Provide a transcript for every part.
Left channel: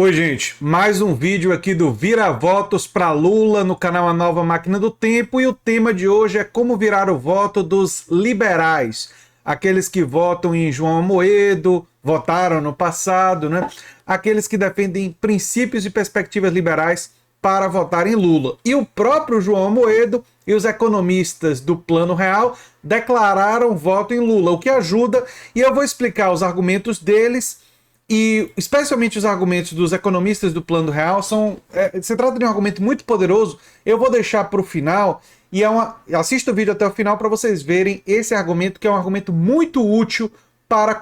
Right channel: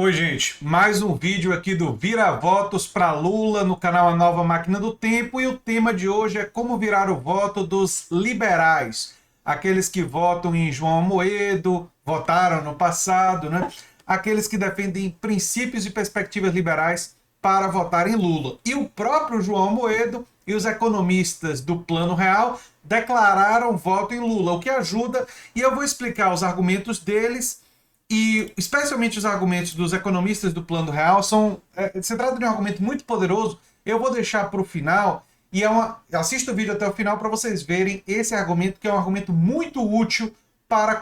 Oi, gente, mais um vídeo aqui do Vira Votos para Lula no canal A Nova Máquina do Tempo, e o tema de hoje é como virar o voto dos liberais, aqueles que votam em João Amoedo, votaram no passado, né? Aqueles que defendem princípios e perspectivas liberais para votar em Lula. E o próprio João Amoedo e os economistas do Plano Real declararam voto em Lula, o que ajuda, e eu vou explicar os argumentos deles. E especialmente os argumentos dos economistas do Plano Real se trata de um argumento muito poderoso. Eu vou deixar para o final e assista o vídeo até o final para vocês verem esse argumento, que é um argumento muito útil para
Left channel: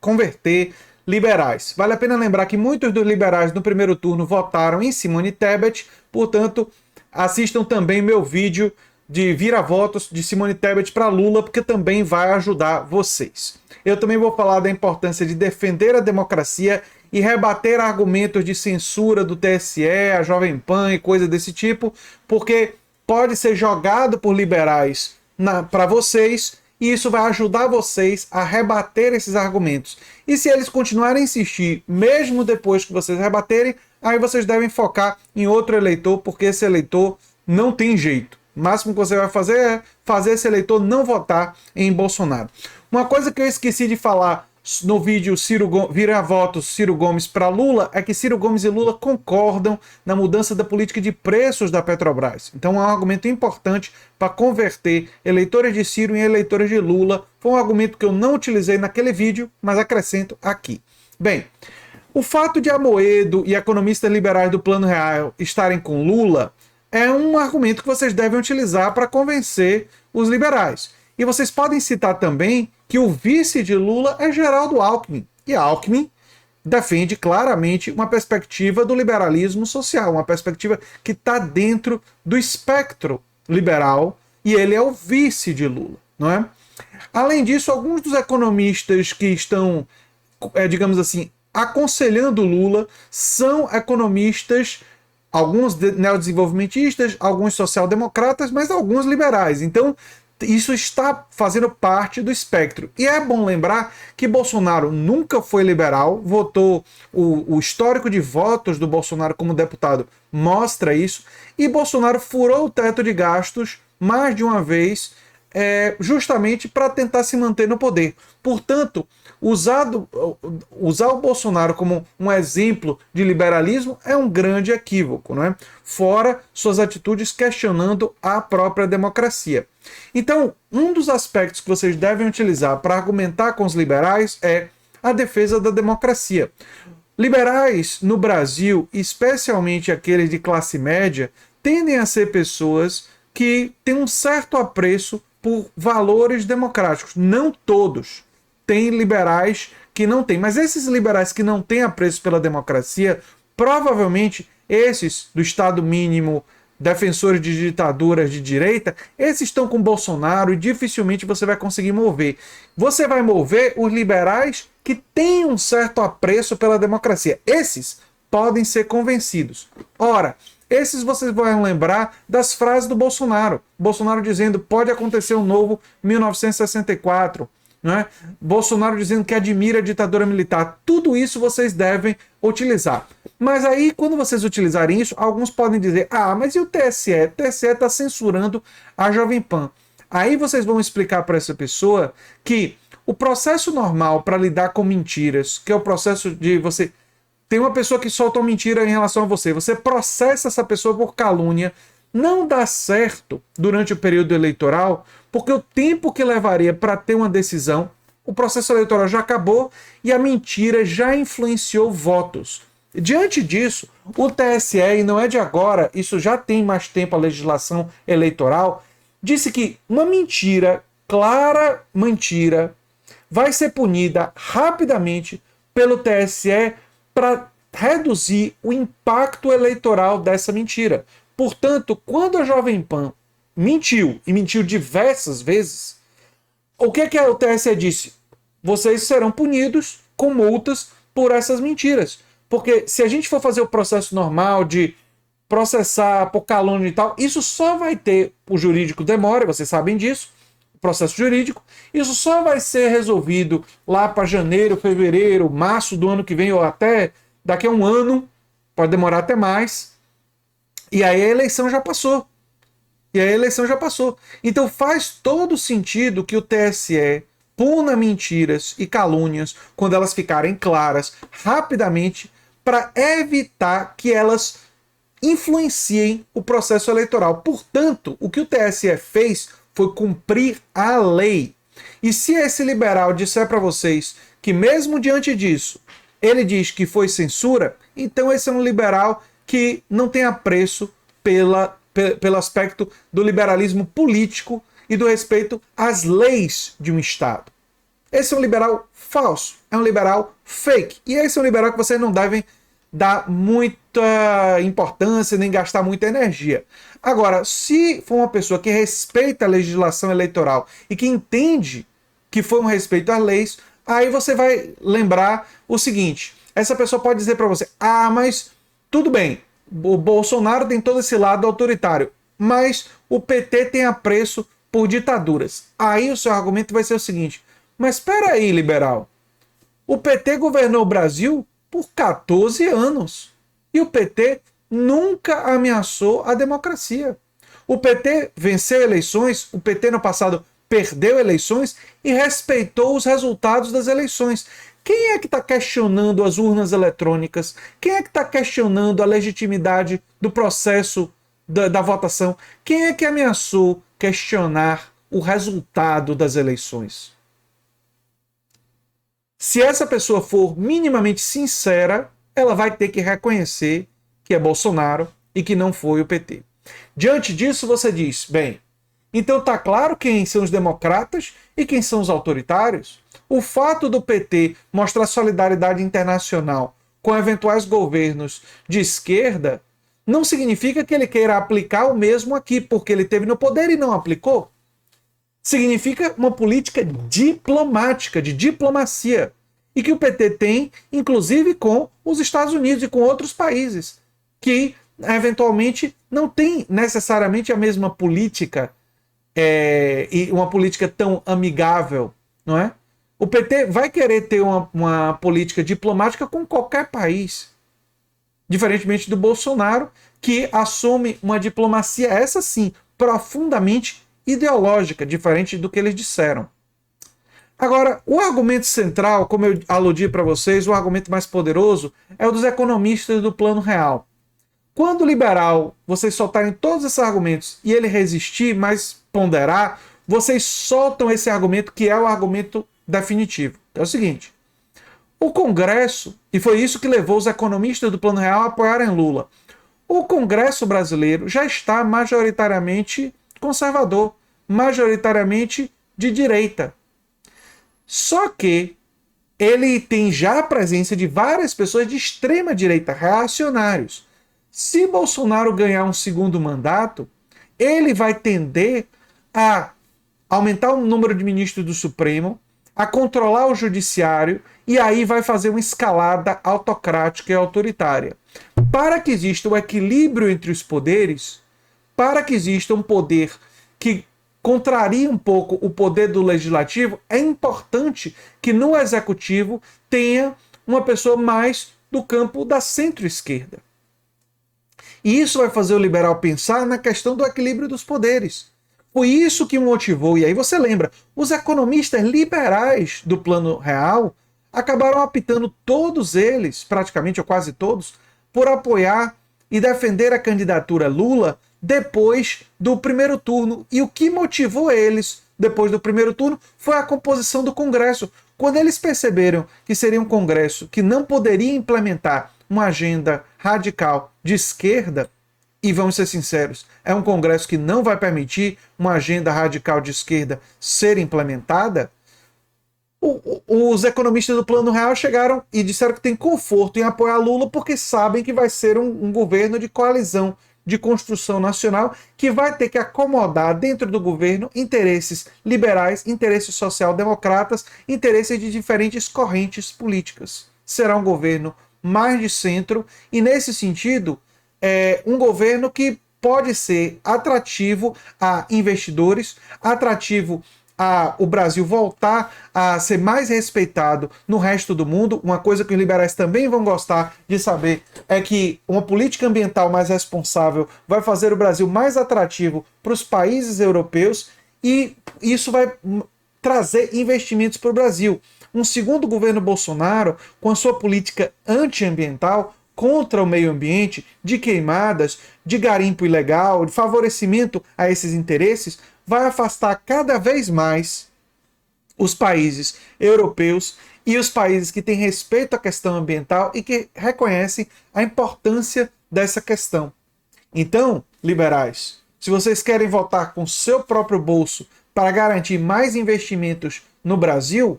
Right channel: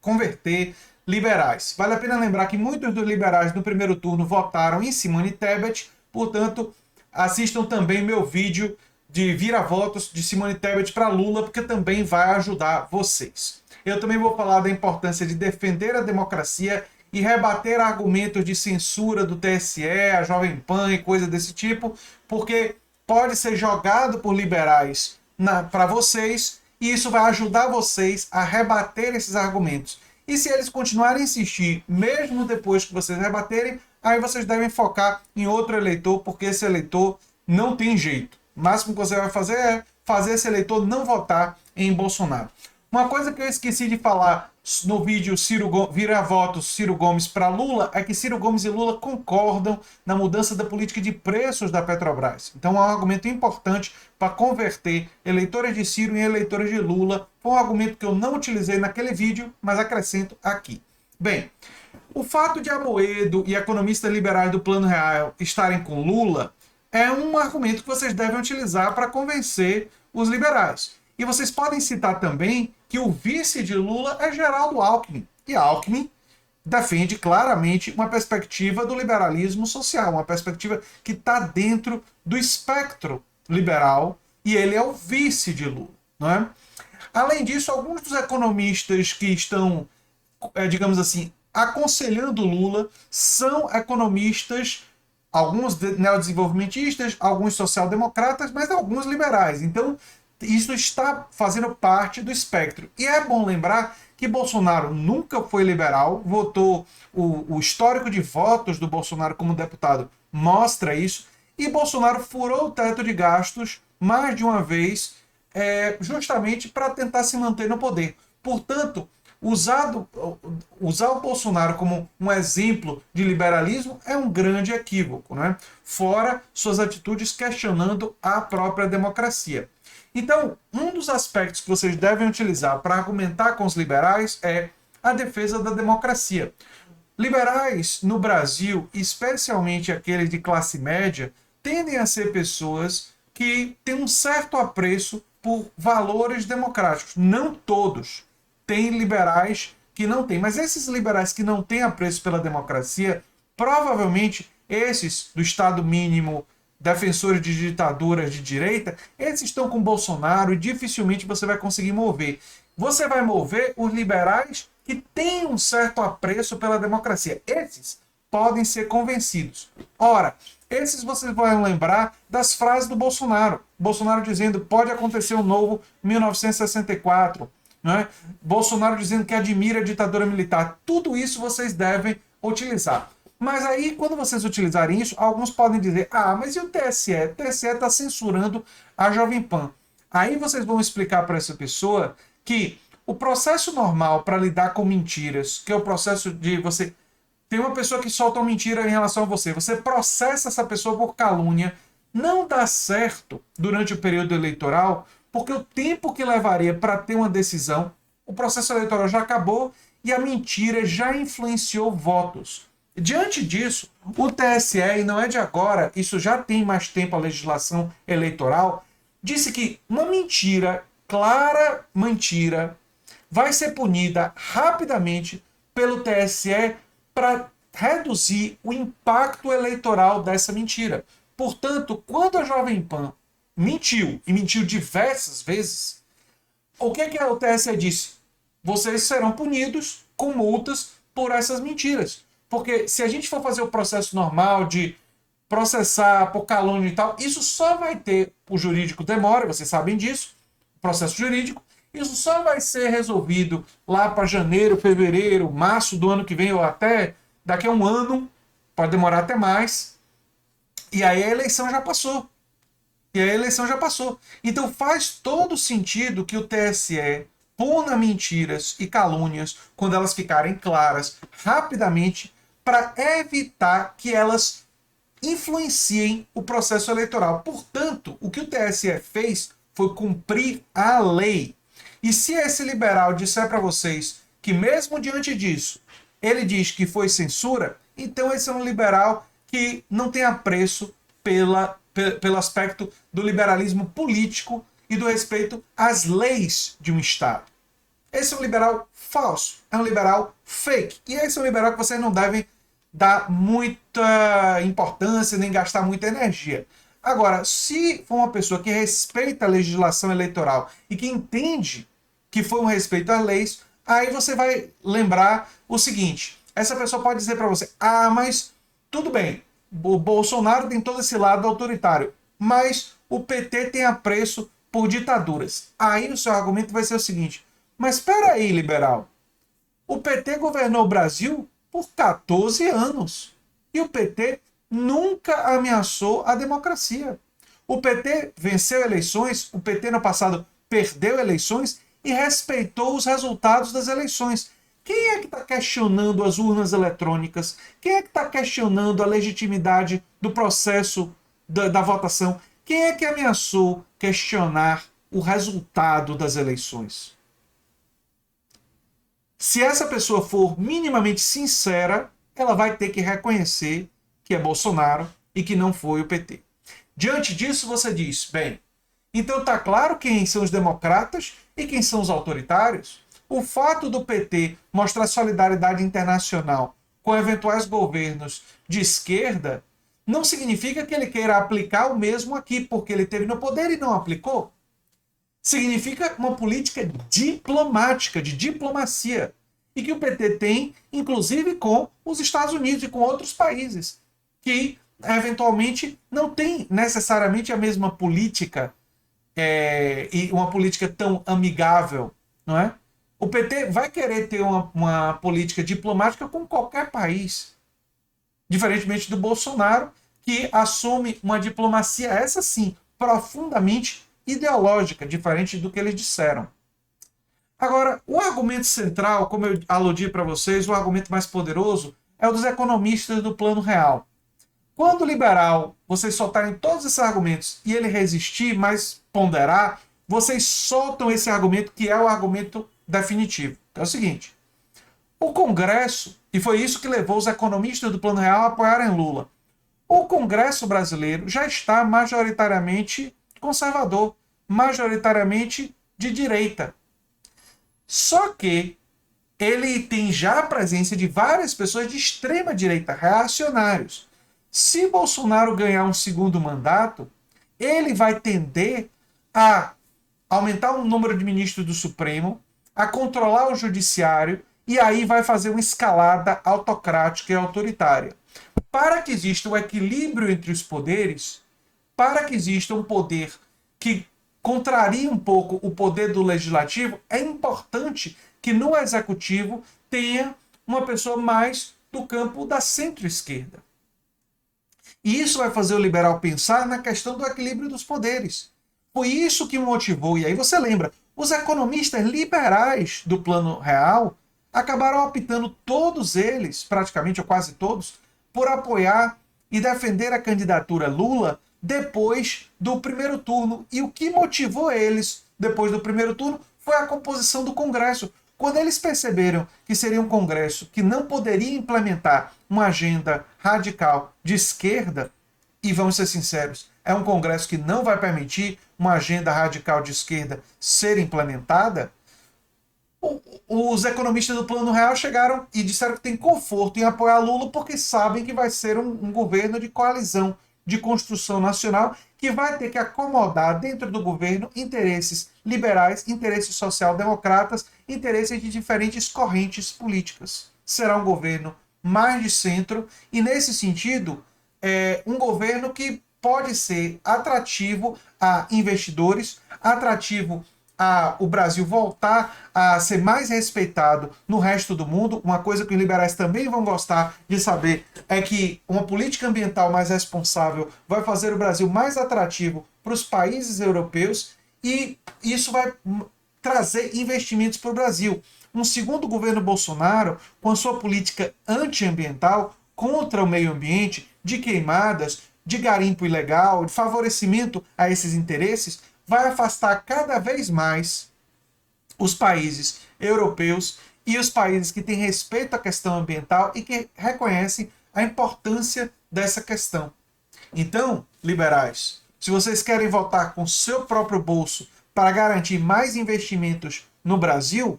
converter liberais. Vale a pena lembrar que muitos dos liberais no primeiro turno votaram em Simone Tebet, portanto, assistam também meu vídeo de vira-votos de Simone Tebet para Lula, porque também vai ajudar vocês. Eu também vou falar da importância de defender a democracia e rebater argumentos de censura do TSE, a Jovem Pan e coisa desse tipo, porque pode ser jogado por liberais para vocês, e isso vai ajudar vocês a rebater esses argumentos. E se eles continuarem a insistir, mesmo depois que vocês rebaterem, aí vocês devem focar em outro eleitor, porque esse eleitor não tem jeito. O máximo que você vai fazer é fazer esse eleitor não votar em Bolsonaro. Uma coisa que eu esqueci de falar no vídeo Vira-Votos Ciro Gomes para Lula é que Ciro Gomes e Lula concordam na mudança da política de preços da Petrobras. Então é um argumento importante para converter eleitores de Ciro em eleitores de Lula. Foi um argumento que eu não utilizei naquele vídeo, mas acrescento aqui. Bem, o fato de Amoedo e economistas liberais do Plano Real estarem com Lula é um argumento que vocês devem utilizar para convencer os liberais. E vocês podem citar também que o vice de Lula é Geraldo Alckmin. E Alckmin defende claramente uma perspectiva do liberalismo social, uma perspectiva que está dentro do espectro liberal, e ele é o vice de Lula, não é? Além disso, alguns dos economistas que estão, digamos assim, aconselhando Lula são economistas, alguns neodesenvolvimentistas, alguns social-democratas, mas alguns liberais. Então, isso está fazendo parte do espectro. E é bom lembrar que Bolsonaro nunca foi liberal, votou, o histórico de votos do Bolsonaro como deputado mostra isso, e Bolsonaro furou o teto de gastos mais de uma vez, justamente para tentar se manter no poder. Portanto, usar o Bolsonaro como um exemplo de liberalismo é um grande equívoco, não é? Fora suas atitudes questionando a própria democracia. Então, um dos aspectos que vocês devem utilizar para argumentar com os liberais é a defesa da democracia. Liberais no Brasil, especialmente aqueles de classe média, tendem a ser pessoas que têm um certo apreço por valores democráticos. Não todos. Tem liberais que não têm, mas esses liberais que não têm apreço pela democracia, provavelmente esses do Estado mínimo, defensores de ditaduras de direita, esses estão com Bolsonaro e dificilmente você vai conseguir mover. Você vai mover os liberais que têm um certo apreço pela democracia. Esses podem ser convencidos. Ora, esses vocês vão lembrar das frases do Bolsonaro. Bolsonaro dizendo: pode acontecer um novo 1964. Não é? Bolsonaro dizendo que admira a ditadura militar. Tudo isso vocês devem utilizar. Mas aí, quando vocês utilizarem isso, alguns podem dizer: ah, mas e o TSE? O TSE está censurando a Jovem Pan. Aí vocês vão explicar para essa pessoa que o processo normal para lidar com mentiras, que é o processo de você... Tem uma pessoa que solta uma mentira em relação a você, você processa essa pessoa por calúnia, não dá certo durante o período eleitoral, porque o tempo que levaria para ter uma decisão, o processo eleitoral já acabou e a mentira já influenciou votos. Diante disso, o TSE, e não é de agora, isso já tem mais tempo a legislação eleitoral, disse que uma mentira, clara mentira, vai ser punida rapidamente pelo TSE para reduzir o impacto eleitoral dessa mentira. Portanto, quando a Jovem Pan mentiu, e mentiu diversas vezes, o que o TSE disse? Vocês serão punidos com multas por essas mentiras. Porque se a gente for fazer o processo normal de processar por calúnia e tal, isso só vai ter, o jurídico demora, vocês sabem disso, o processo jurídico, isso só vai ser resolvido lá para janeiro, fevereiro, março do ano que vem, ou até daqui a um ano, pode demorar até mais, e aí a eleição já passou. Então faz todo sentido que o TSE puna mentiras e calúnias quando elas ficarem claras rapidamente para evitar que elas influenciem o processo eleitoral. Portanto, o que o TSE fez foi cumprir a lei. E se esse liberal disser para vocês que mesmo diante disso, ele diz que foi censura, então esse é um liberal que não tem apreço pelo aspecto do liberalismo político e do respeito às leis de um Estado. Esse é um liberal falso, é um liberal fake. E esse é um liberal que vocês não devem dar muita importância nem gastar muita energia. Agora, se for uma pessoa que respeita a legislação eleitoral e que entende que foi um respeito às leis, aí você vai lembrar o seguinte: essa pessoa pode dizer para você, mas tudo bem, o Bolsonaro tem todo esse lado autoritário, mas o PT tem apreço por ditaduras. Aí o seu argumento vai ser o seguinte: mas espera aí, liberal, o PT governou o Brasil por 14 anos e o PT nunca ameaçou a democracia. O PT venceu eleições, o PT no passado perdeu eleições e respeitou os resultados das eleições. Quem é que está questionando as urnas eletrônicas? Quem é que está questionando a legitimidade do processo da votação? Quem é que ameaçou questionar o resultado das eleições? Se essa pessoa for minimamente sincera, ela vai ter que reconhecer que é Bolsonaro e que não foi o PT. Diante disso, você diz, bem, então está claro quem são os democratas e quem são os autoritários? O fato do PT mostrar solidariedade internacional com eventuais governos de esquerda não significa que ele queira aplicar o mesmo aqui, porque ele teve no poder e não aplicou. Significa uma política diplomática, de diplomacia, e que o PT tem, inclusive, com os Estados Unidos e com outros países, que eventualmente não tem necessariamente a mesma política e uma política tão amigável, não é? O PT vai querer ter uma política diplomática com qualquer país, diferentemente do Bolsonaro, que assume uma diplomacia, essa sim, profundamente ideológica, diferente do que eles disseram. Agora, o argumento central, como eu aludi para vocês, o argumento mais poderoso é o dos economistas do Plano Real. Quando o liberal, vocês soltarem todos esses argumentos e ele resistir, mas ponderar, vocês soltam esse argumento que é o argumento definitivo. É o seguinte: o Congresso, e foi isso que levou os economistas do Plano Real a apoiarem Lula, o Congresso brasileiro já está majoritariamente conservador, majoritariamente de direita. Só que ele tem já a presença de várias pessoas de extrema direita, reacionários. Se Bolsonaro ganhar um segundo mandato, ele vai tender a aumentar o número de ministros do Supremo, a controlar o judiciário e aí vai fazer uma escalada autocrática e autoritária. Para que exista o equilíbrio entre os poderes, para que exista um poder que contraria um pouco o poder do legislativo, é importante que no executivo tenha uma pessoa mais do campo da centro-esquerda. E isso vai fazer o liberal pensar na questão do equilíbrio dos poderes. Foi isso que motivou, e aí você lembra, os economistas liberais do Plano Real acabaram optando, todos eles, praticamente ou quase todos, por apoiar e defender a candidatura Lula depois do primeiro turno. E o que motivou eles depois do primeiro turno foi a composição do Congresso. Quando eles perceberam que seria um Congresso que não poderia implementar uma agenda radical de esquerda, e vamos ser sinceros, é um Congresso que não vai permitir uma agenda radical de esquerda ser implementada, os economistas do Plano Real chegaram e disseram que tem conforto em apoiar Lula porque sabem que vai ser um governo de coalizão, de construção nacional, que vai ter que acomodar dentro do governo interesses liberais, interesses social-democratas, interesses de diferentes correntes políticas. Será um governo mais de centro e, nesse sentido, um governo que pode ser atrativo a investidores, atrativo o Brasil voltar a ser mais respeitado no resto do mundo. Uma coisa que os liberais também vão gostar de saber é que uma política ambiental mais responsável vai fazer o Brasil mais atrativo para os países europeus e isso vai trazer investimentos para o Brasil. Um segundo governo Bolsonaro, com a sua política antiambiental, contra o meio ambiente, de queimadas, de garimpo ilegal, de favorecimento a esses interesses, vai afastar cada vez mais os países europeus e os países que têm respeito à questão ambiental e que reconhecem a importância dessa questão. Então, liberais, se vocês querem votar com seu próprio bolso para garantir mais investimentos no Brasil,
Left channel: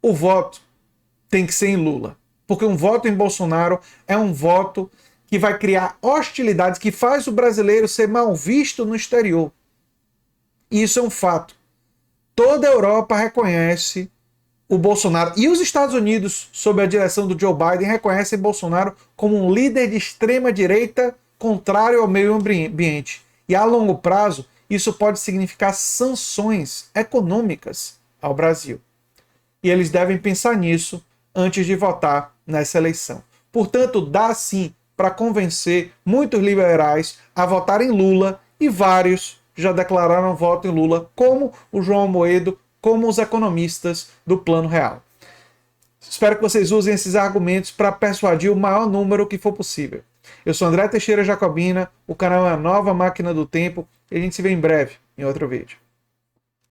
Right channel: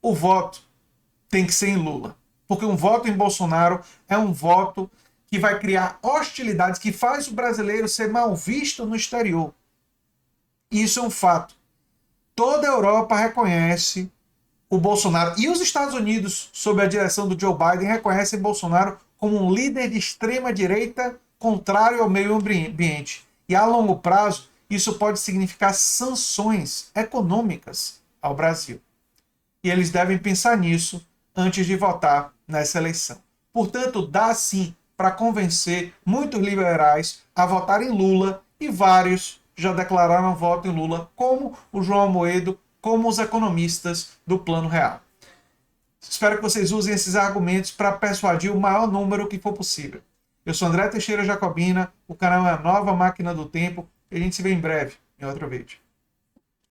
o voto tem que ser em Lula. Porque um voto em Bolsonaro é um voto que vai criar hostilidades, que faz o brasileiro ser mal visto no exterior. E isso é um fato. Toda a Europa reconhece o Bolsonaro. E os Estados Unidos, sob a direção do Joe Biden, reconhecem Bolsonaro como um líder de extrema-direita contrário ao meio ambiente. E a longo prazo, isso pode significar sanções econômicas ao Brasil. E eles devem pensar nisso antes de votar nessa eleição. Portanto, dá sim para convencer muitos liberais a votar em Lula e vários já declararam voto em Lula, como o João Amoedo, como os economistas do Plano Real. Espero que vocês usem esses argumentos para persuadir o maior número que for possível. Eu sou André Teixeira Jacobina, o canal é a Nova Máquina do Tempo e a gente se vê em breve em outro vídeo.